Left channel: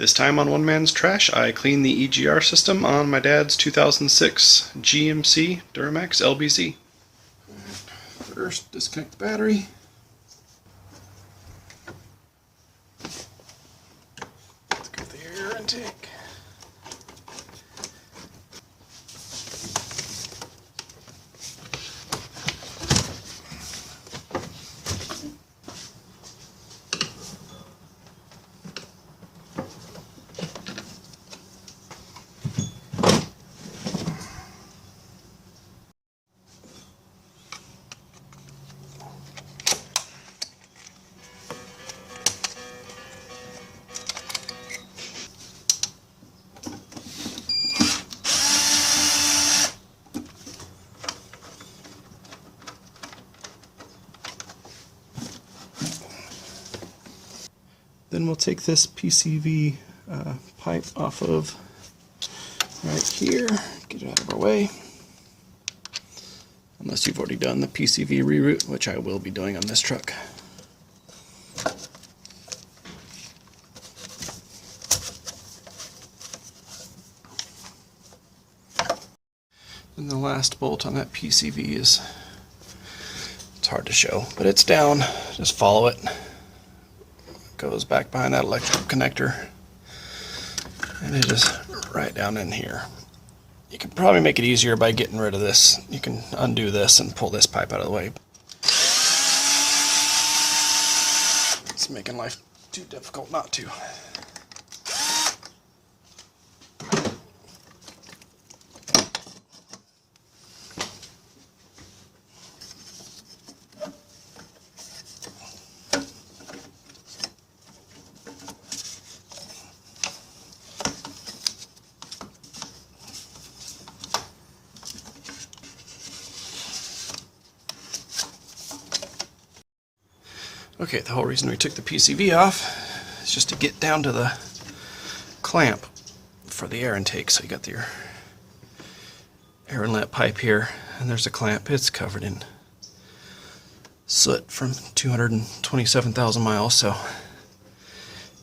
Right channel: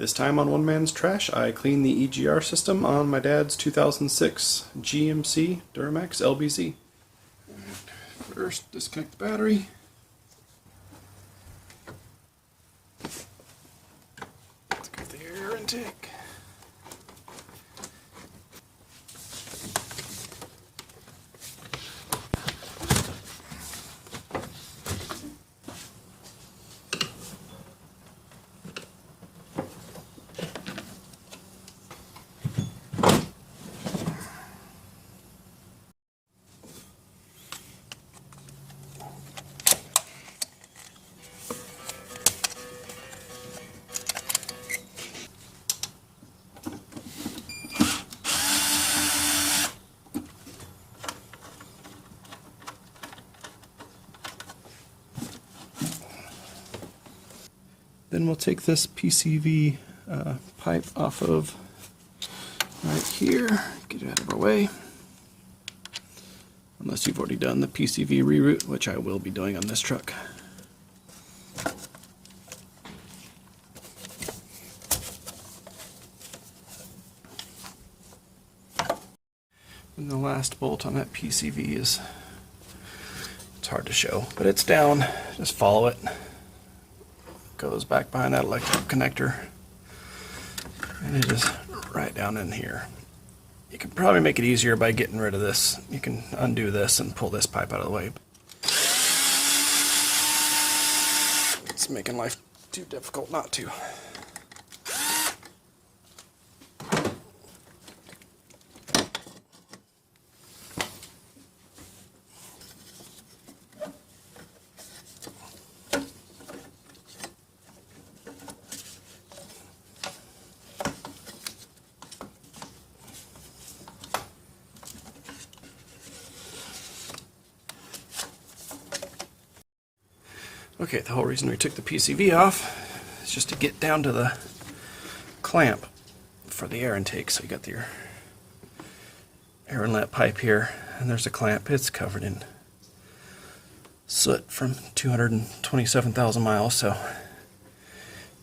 This time on One Man's Trash, I cleaned the EGR system on my dad's 2006 GMC Duramax LBZ. First, disconnect the battery. Let's get the air intake. Then we'll take this PCV pipe off of right here, get it out of our way. Unless you've already done the PCV reroute, which I will be doing on this truck. And the last bolt on that PCV is, it's hard to show, but it's down. Just follow it. Goes back behind that electrical connector, and it is right down in here. You can probably make it easier by getting rid of this. You can undo this and pull this pipe out of the way. It's making life too difficult not to. Okay, the whole reason we took the PCV off is just to get down to the clamp for the air intake. So you got your air inlet pipe here, and there's a clamp. It's covered in soot from 227,000 miles,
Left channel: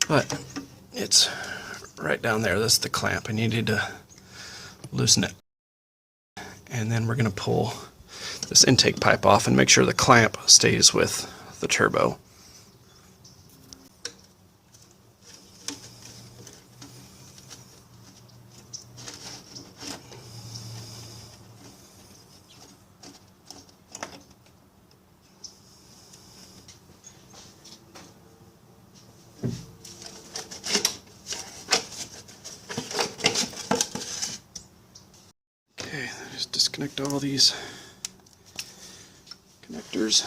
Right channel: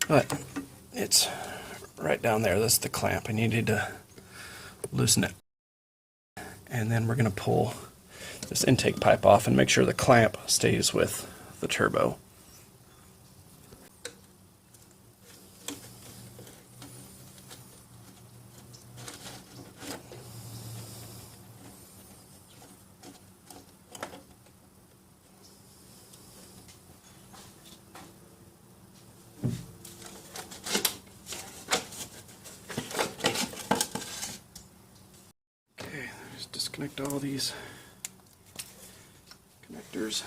but it's right down there. That's the clamp, and you need to loosen it. And then we're going to pull this intake pipe off and make sure the clamp stays with the turbo. Okay, just disconnect all these connectors.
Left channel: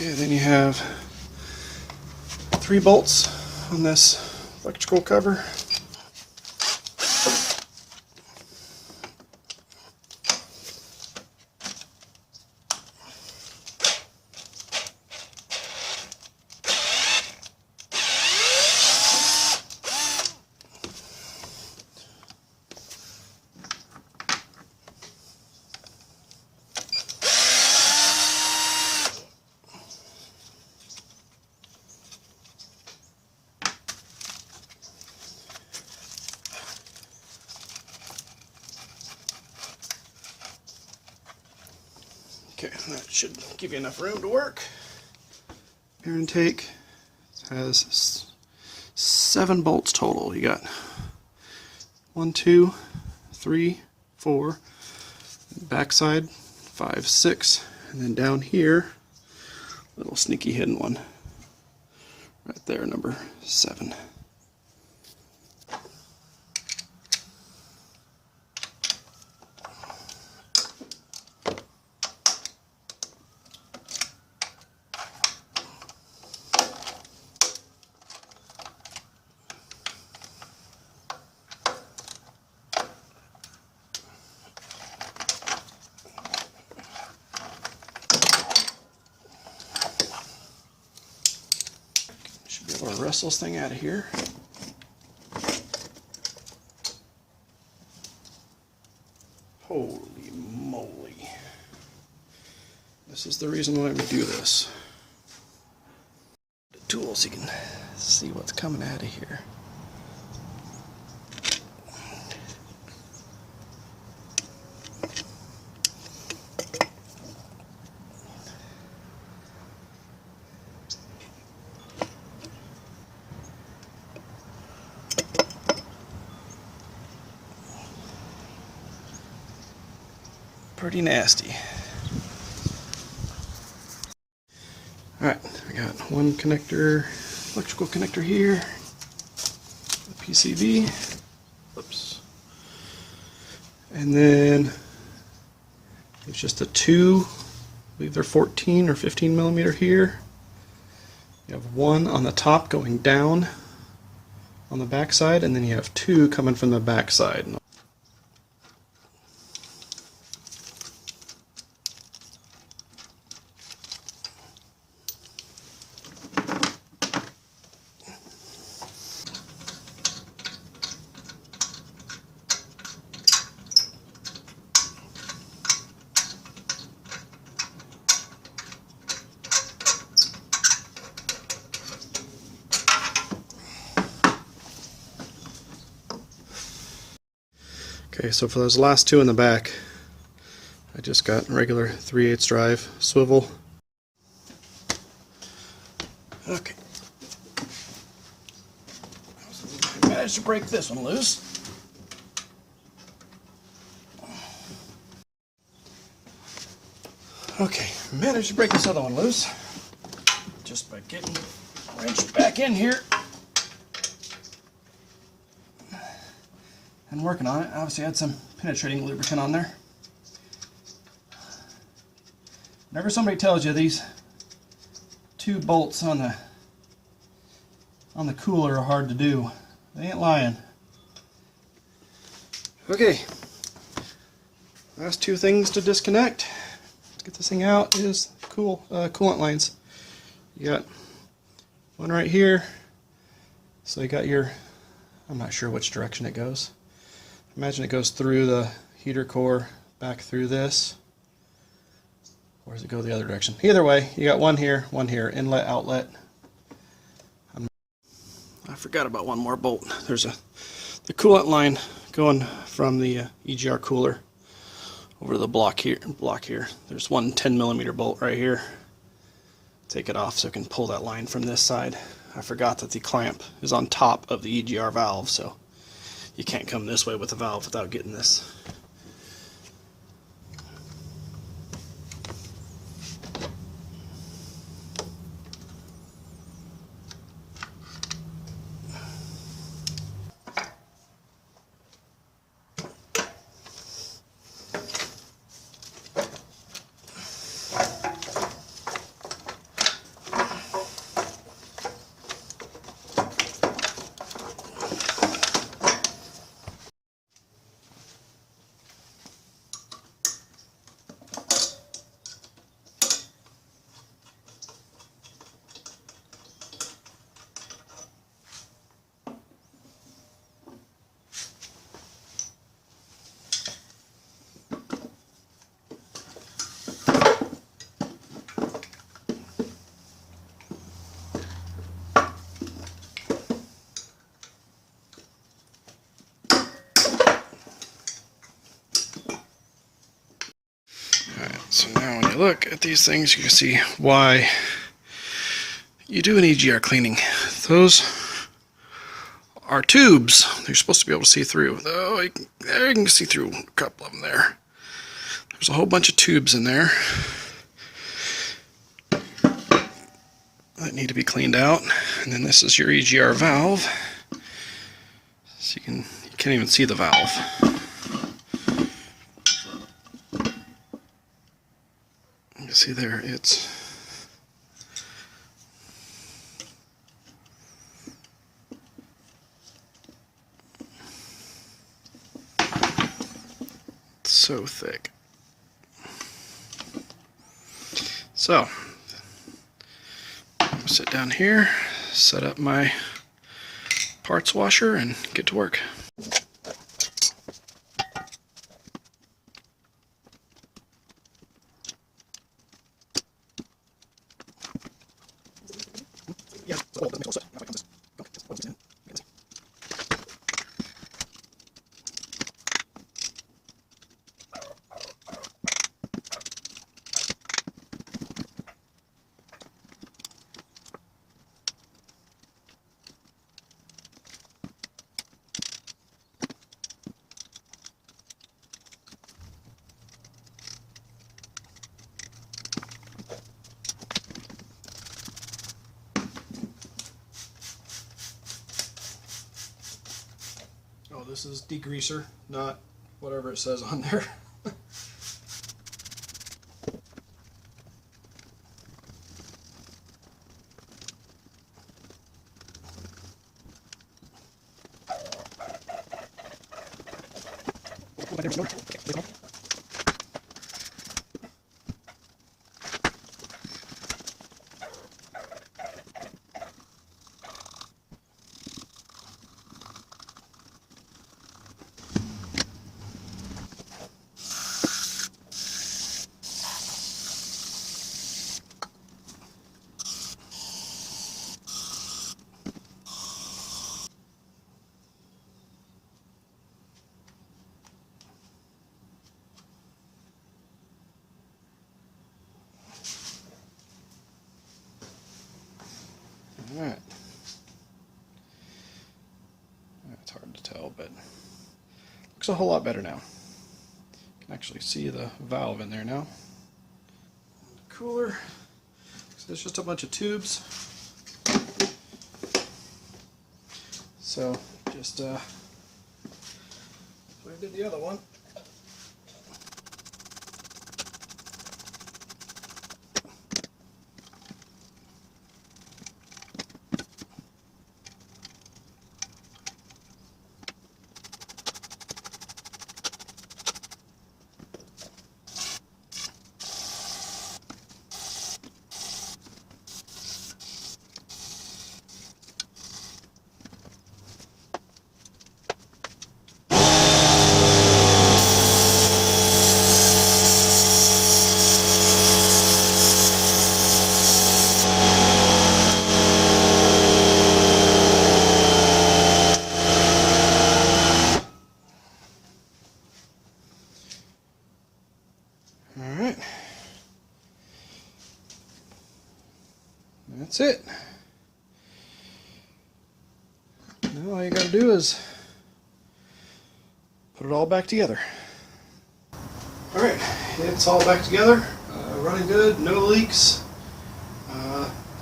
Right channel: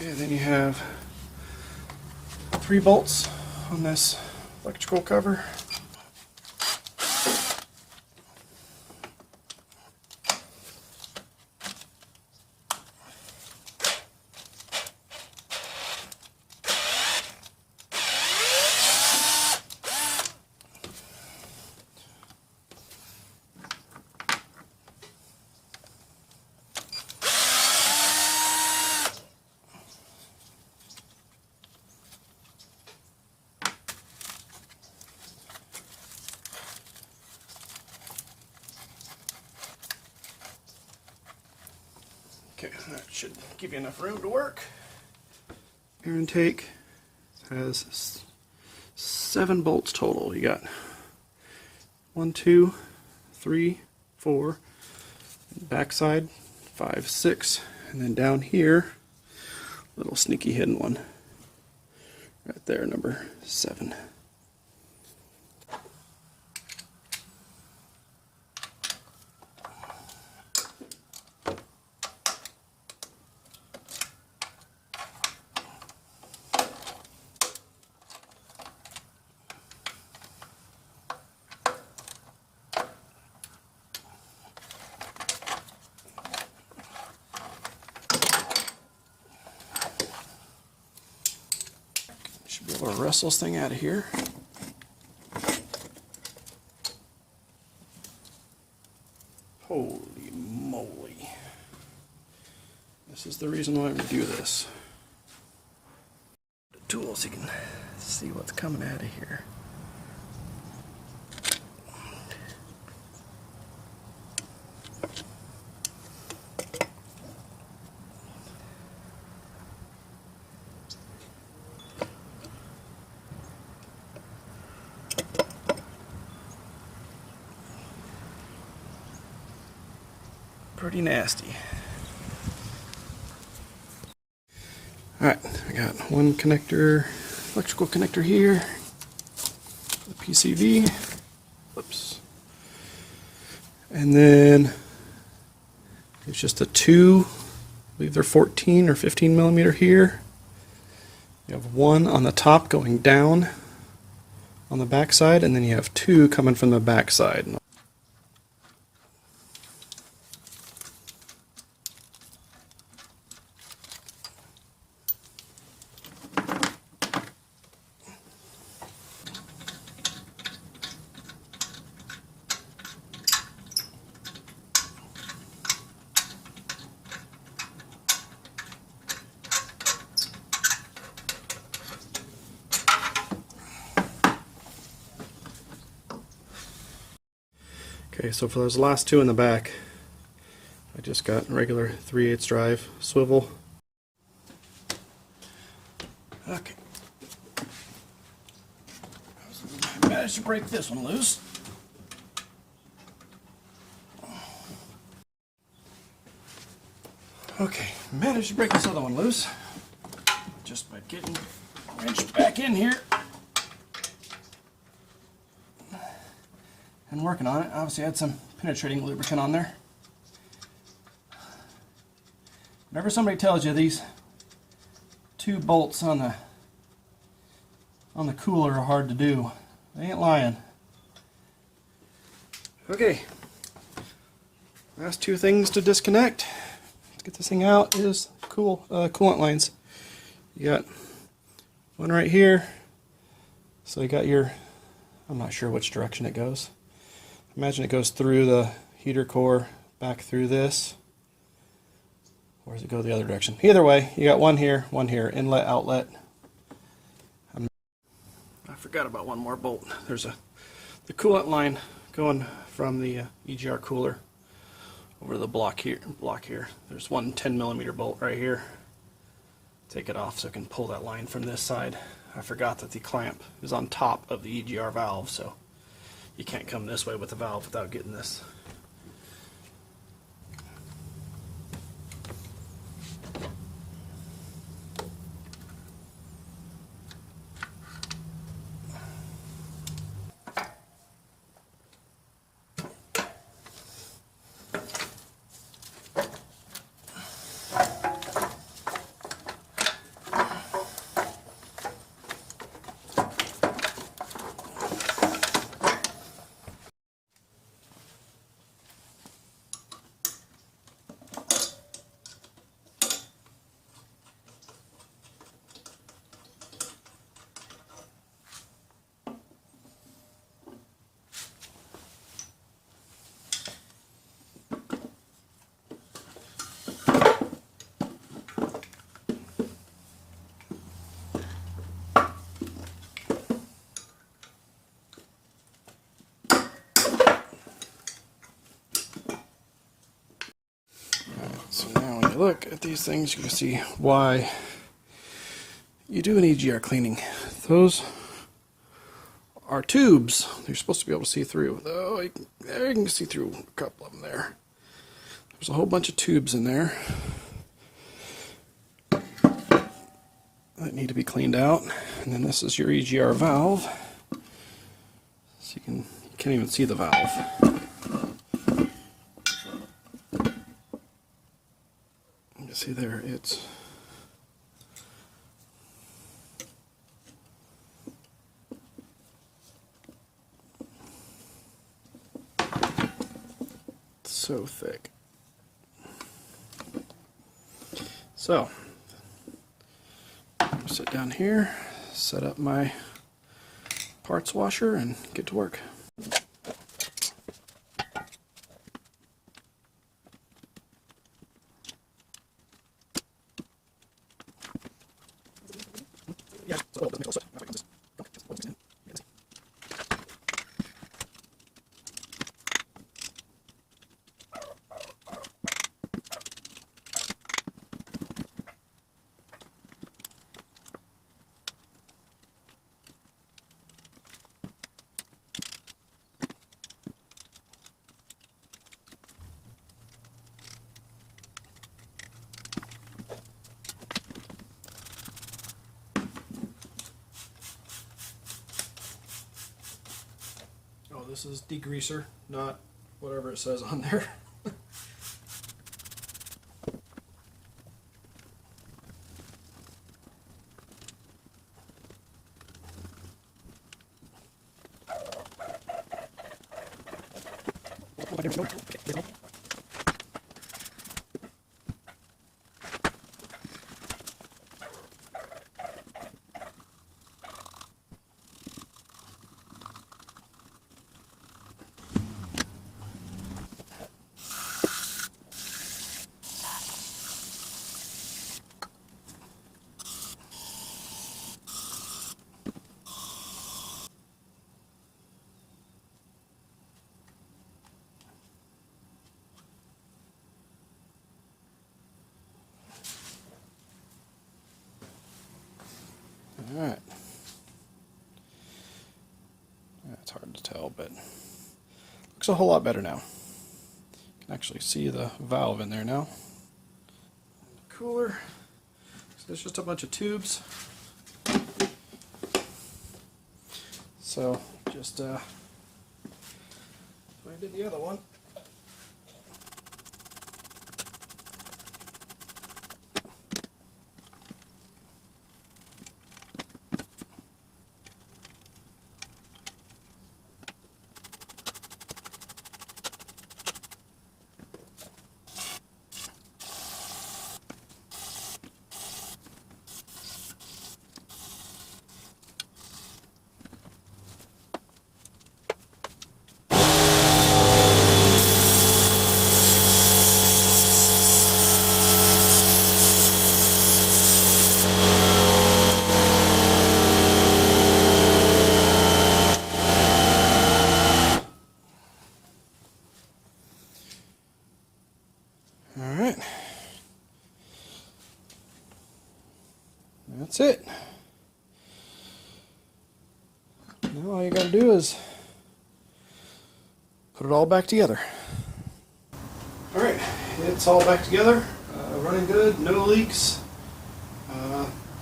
Okay, then you have 3 bolts on this electrical cover. Okay, that should give you enough room to work. Air intake has 7 bolts total. You got 1, 2, 3, 4, backside 5, 6, and then down here, little sneaky hidden one right there, number 7. Should be able to wrestle this thing out of here. Holy moly. This is the reason why we do this. The tool so you can see what's coming out of here. Pretty nasty. Alright, we got one connector, electrical connector here, PCV, oops, and then it's just a 2, I believe they're 14 or 15 millimeter here. You have 1 on the top going down on the back side, and then you have 2 coming from the back side. Okay, so for those last 2 in the back, I just got regular 3/8 drive swivel. Okay. I managed to break this one loose. Okay, managed to break this other one loose just by getting the wrench back in here and working on it. Obviously I had some penetrating lubricant on there. Whenever somebody tells you these 2 bolts on the cooler are hard to do, they ain't lying. Okay, last 2 things to disconnect. Let's get this thing out is coolant lines. You got one right here, so you got your, I'm not sure which direction it goes. Imagine it goes through the heater core, back through this, or does it go the other direction? Either way, you got one here, inlet, outlet. I forgot about one more bolt. There's the coolant line going from the EGR cooler over the block here. There's one 10 millimeter bolt right here. Take it off so I can pull that line from this side. I forgot that the clamp is on top of the EGR valve, so you can't come this way with the valve without getting this. look at these things, you can see why you do an EGR cleaning. Those are tubes. They're supposed to be able to see through. Though there you can see through a couple of them there. There's a whole bunch of tubes in there that need to be cleaned out. And then this is your EGR valve. So you can't even see the valve. You can see there, it's so thick. So, I'm going to sit down here, set up my parts washer, and get to work. Oh, this is degreaser, not whatever it says on there. Alright. It's hard to tell, but looks a whole lot better now. You can actually see the valve in there now. The cooler. So there's just a bunch of tubes. So just so I did the other one. Alright, that's it. Now all you gotta do is put it all back together. Alright, it's all back together, running good, no leaks.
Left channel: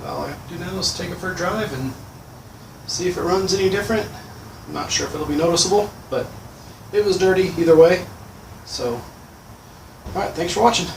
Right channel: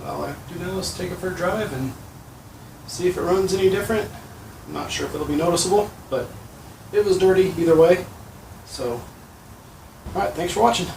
All I have to do now is take it for a drive and see if it runs any different. I'm not sure if it'll be noticeable, but it was dirty either way. So, alright, thanks for watching.